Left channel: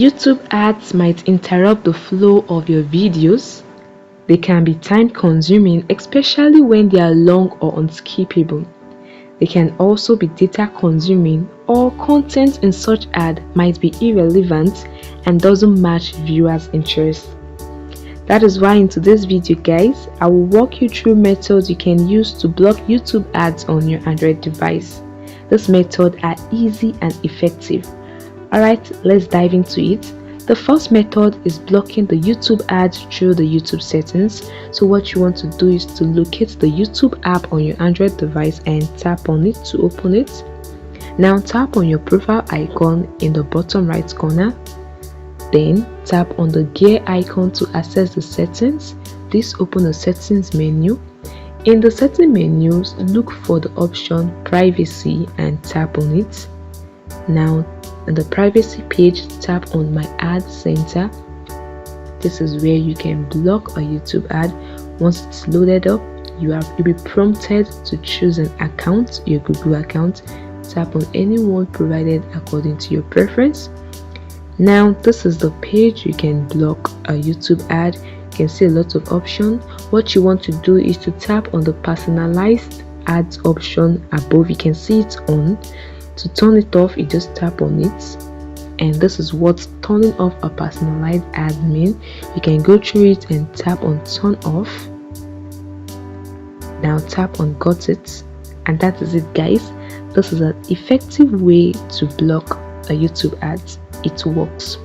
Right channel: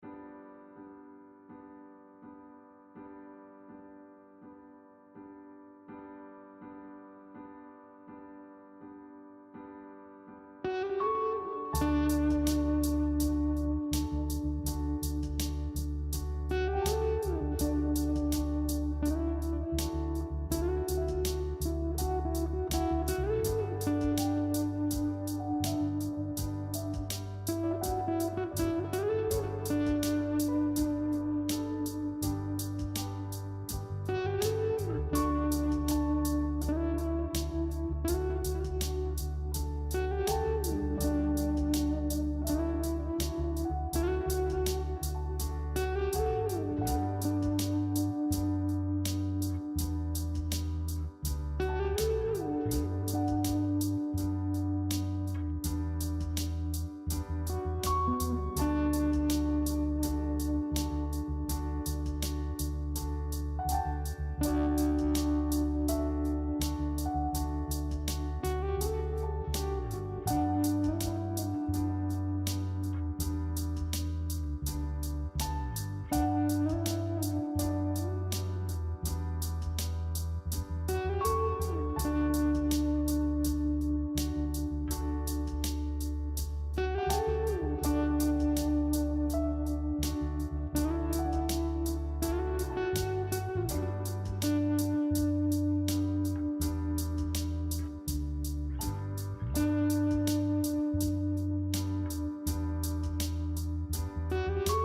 YouTube ads might interrupt the flow of your videos. They can be time consuming, especially when they are long or unskippable. They can also be data consuming, or content in such ad might be irrelevant and doesn't match viewers' interests. That is why in today's video guys, I will walk you through methods you can use to block YouTube ads on your Android device. These methods are easy and effective. Alright, let's dive into it. The first method is blocking the YouTube ads through the YouTube settings. So what you want to do is to locate the YouTube app on your Android device and tap on it to open it. Now tap on your profile icon in the bottom right corner. Then tap on the gear icon to access the settings. This opens the settings menu. In the setting menus, look for the option privacy and tap on it. Now on the privacy page, tap on my ad center. This is where you can block a YouTube ad. Once it's loaded up, you'll be prompted to choose an account, your Google account. Tap on any one provided according to your preference. Now this is the page you can block a YouTube ad. You can see a lot of options. What you want to do is to tap on the personalized ads option above. You can see it on. To turn it off, you just tap on it, and this is what turning off a personalized ad means. You can go through it and tap on turn off. Now tap on got it, and that is it guys. This is an effective way to block a YouTube ad. It works.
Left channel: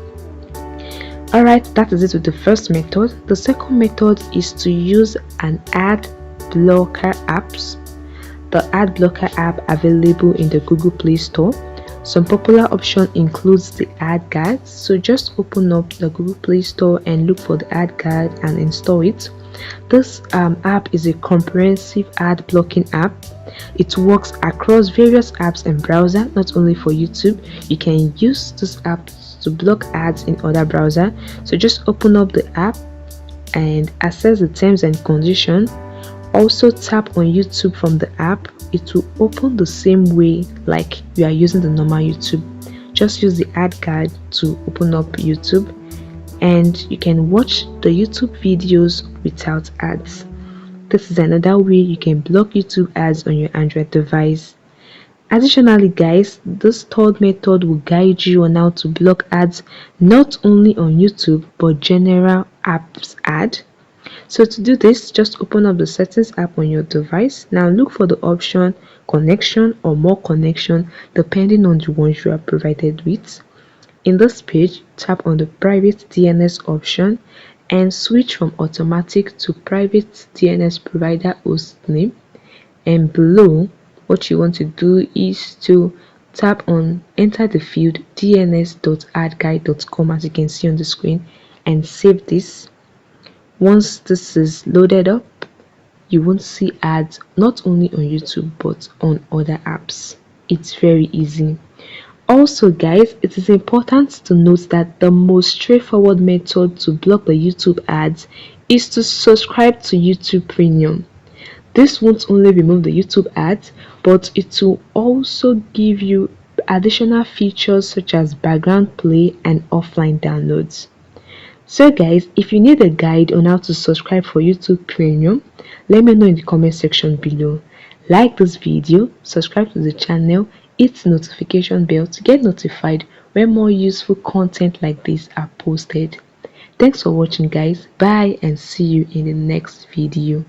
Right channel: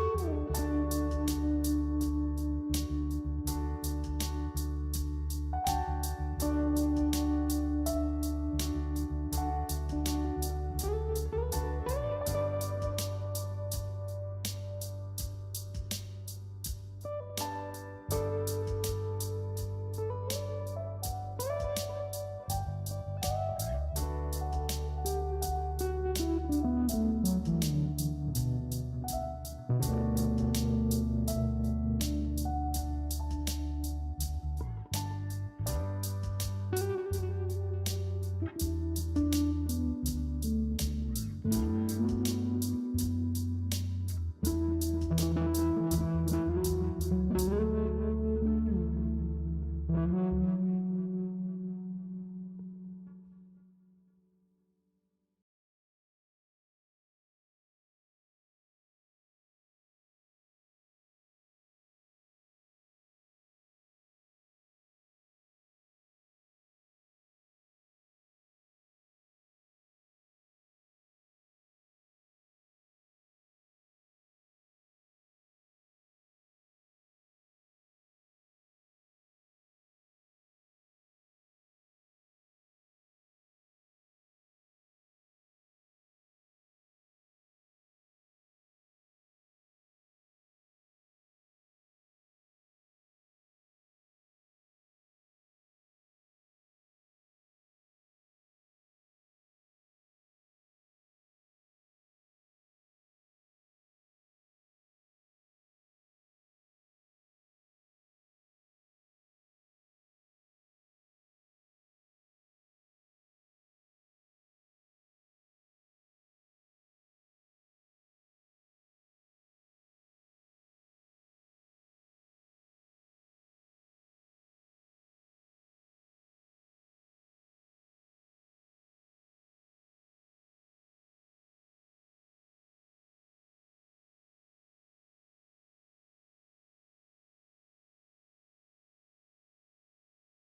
Alright, that is it with the first method. The second method is to use an ad blocker apps. The ad blocker app available in the Google Play Store. Some popular option includes the ad guard. So just open up the Google Play Store and look for the ad guard and install it. This app is a comprehensive ad blocking app. It works across various apps and browsers, not only for YouTube. You can use this app to block ads in other browsers. So just open up the app and access the terms and conditions. Also tap on YouTube from the app. It will open the same way like you are using the normal YouTube. Just use the ad guard to open up YouTube, and you can watch the YouTube videos without ads. This is another way you can block YouTube ads on your Android device. Additionally guys, this third method will guide you on how to block ads not only on YouTube but general apps ad. So to do this, just open up the settings app on your device. Now look for the option connection or more connection depending on the ones you are provided with. In this page, tap on the private DNS option and switch from automatic to private DNS provider host name. And below, what you want to do is to tap on enter the field dns.adguide.com as you can see on the screen and save this. Once this is loaded up, you won't see ads not only on YouTube but on other apps. It's very easy. Also guys, it is important to note that the most straightforward method to block the YouTube ads is to subscribe to YouTube Premium. This won't only remove the YouTube ads, but it will also give you additional features such as background play and offline downloads. So guys, if you need a guide on how to subscribe for YouTube Premium, let me know in the comment section below. Like this video, subscribe to the channel, hit the notification bell to get notified when more useful content like this are posted. Thanks for watching guys, bye and see you in the next video.